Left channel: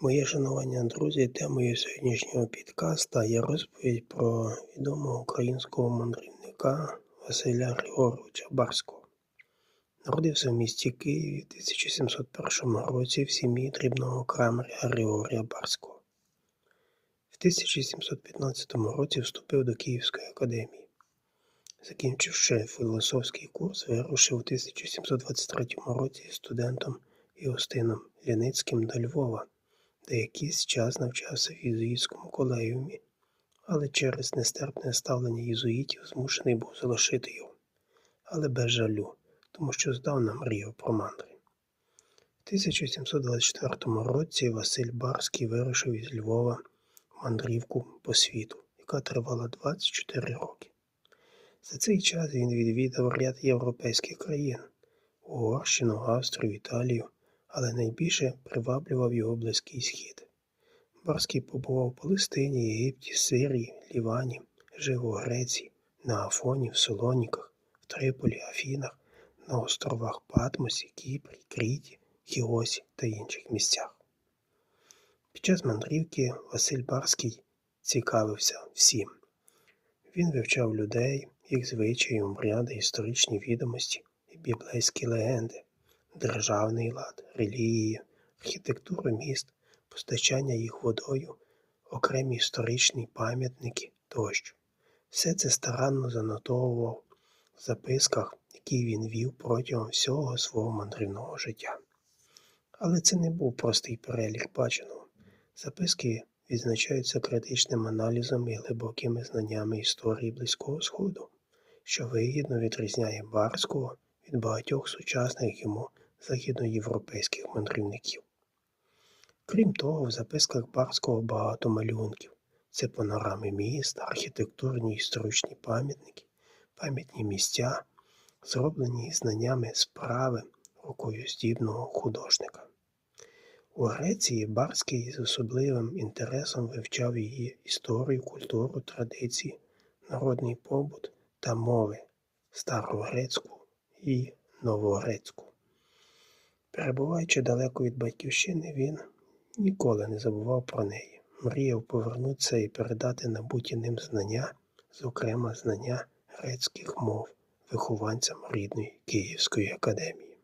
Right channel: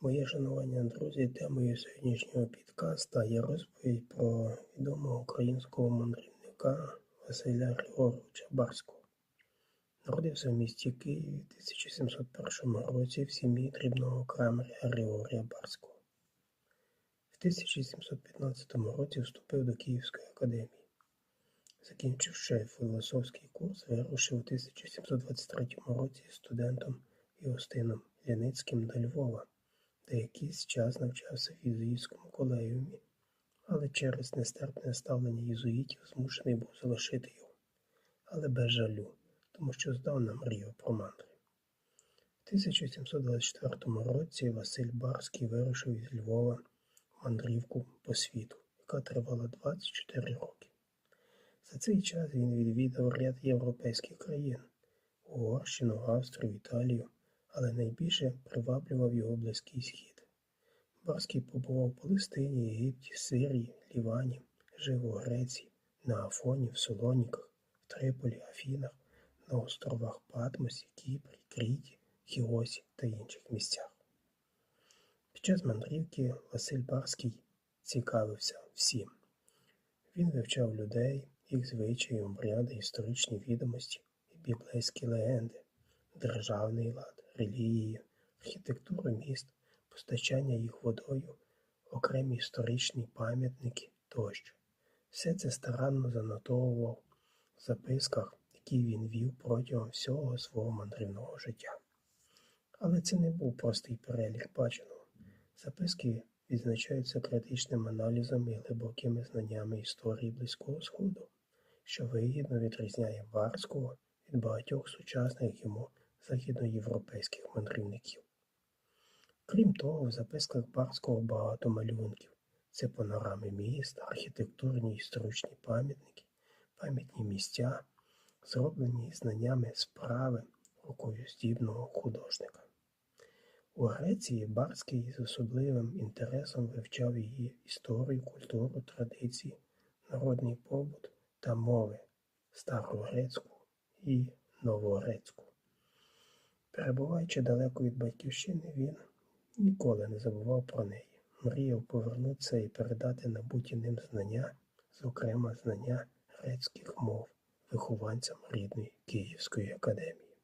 Моє шанування, друзі, темою сьогоднішнього підкаста є розповідь про відомого українського мандрівника Василя Григоровича Барського. Народився в місті Києві в 1701 році в сім'ї дрібного крамаря Григорія Барського. В 1715 році вступив до Київської академії. Закінчивши філософський курс, вирушив у 1723 році студентом Іостином Ліницьким до Львова де якийсь час навчався в єзуїтському колегіумі, але через нестерпне ставлення єзуїтів змушений був залишити його, але без жалю, тому що здавна мріяв про мандри. В 1724 році Василь Барський вирушив із Львова мандрівку по світу, яка тривала 24 роки. За цей час він відвідав ряд європейських країн Угорщину, Австрію, Італію але найбільше приваблював його Близький Схід. Барський побував у Палестині, Єгипті, Сирії, Лівані, жив у Греції, на Афоні, в Солоніках, в Триполі, Афінах, на островах Патмосі, Кіпрі, Кріті, Хіосі та інших місцях. Під час мандрівки Василь Барський цікавився всім. Він вивчав людей, їх звичаї, обряди, історичні відомості і біблейські легенди державний лад, релігію, архітектуру міст, постачання їх водою, окремі історичні пам'ятники тощо. Все це старанно занотовував в записках, які він вів протягом всього свого мандрівного життя. Але це не був простий перелік баченого. Записки відзначаються критичним аналізом і глибокими знаннями історії Близького Сходу, що вигідно відрізняє Барського від багатьох сучасних йому західноєвропейських мандрівників. Крім того, в записках Барського багато малюнків. Це панорами міст, архітектурні історичні пам'ятники, пам'ятні місця, зроблені знаннями справи рукою здібного художника. У Греції Барський з особливим інтересом вивчав її історію, культуру, традиції, народний побут та мови старогрецьку і новогрецьку. Перебуваючи далеко від батьківщини, він ніколи не забував про неї, мріяв повернутися і передати набуті ним знання, зокрема знання грецьких мов вихованцям рідної Київської академії.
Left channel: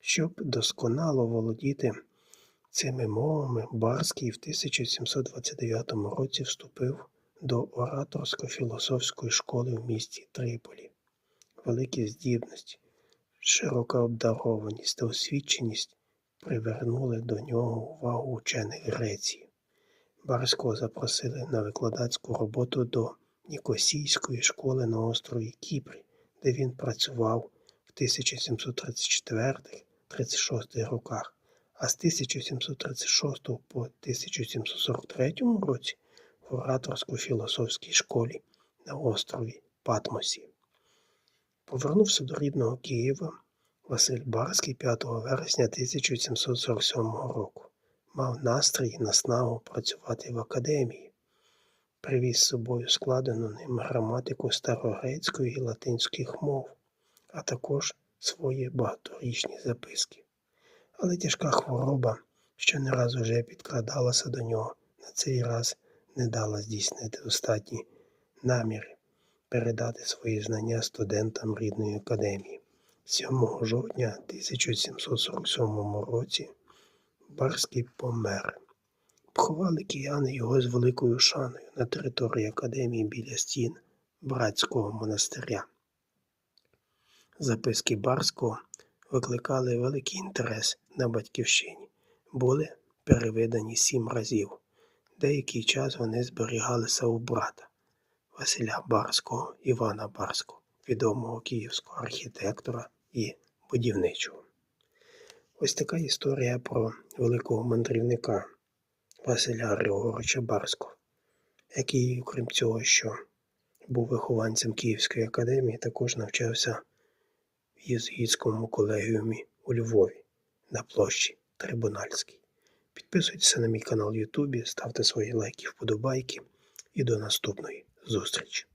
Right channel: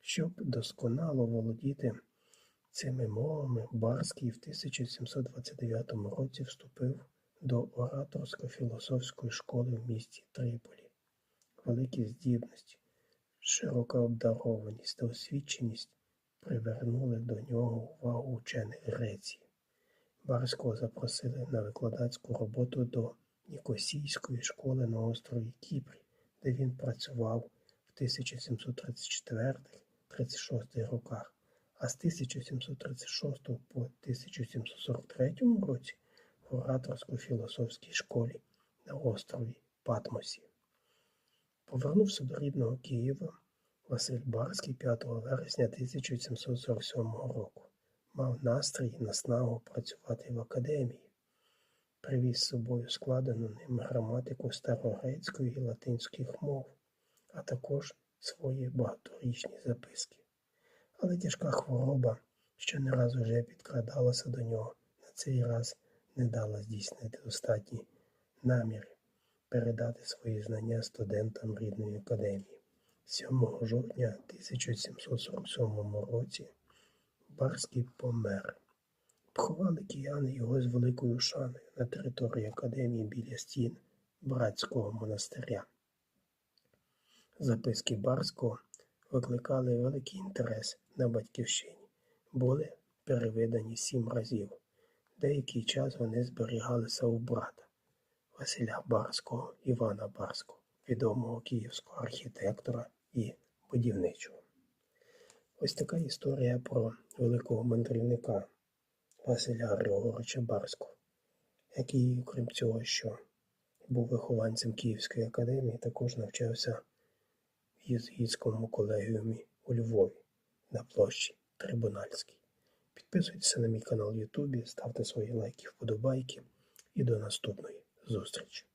Щоб досконало володіти цими мовами, Барський в 1729 році вступив до ораторсько-філософської школи в місті Триполі. Великі здібності. Широка обдарованість та освіченість привернули до нього увагу учених Греції. Барського запросили на викладацьку роботу до Нікосійської школи на острові Кіпрі, де він працював в 1734-36 роках, а з 1736 по 1743 році в ораторсько-філософській школі на острові Патмосі. Повернувся до рідного Києва Василь Барський 5 вересня 1747 року. Мав настрій і наснагу працювати в академії. Привіз з собою складену ним граматику старогрецької і латинських мов, а також свої багаторічні записки. Але тяжка хвороба, що не раз уже підкрадалася до нього, на цей раз не дала здійснити достатні наміри передати свої знання студентам рідної академії. 7 жовтня 1747 році Барський помер. Поховали кияни його з великою шаною на території академії біля стін братського монастиря. Записки Барського викликали великий інтерес на батьківщині, були перевидані сім разів. Деякий час вони зберігалися у брата. Василя Барського, Івана Барського, відомого київського архітектора і будівничого. Ось така історія про великого мандрівника Василя Григоровича Барського, який, окрім цього, що був вихованцем Київської академії, також навчався в єзуїтському колегіумі у Львові на площі Трибунальській. Підписуйтесь на мій канал Ютубі, ставте свої лайки, вподобайки і до наступної зустрічі!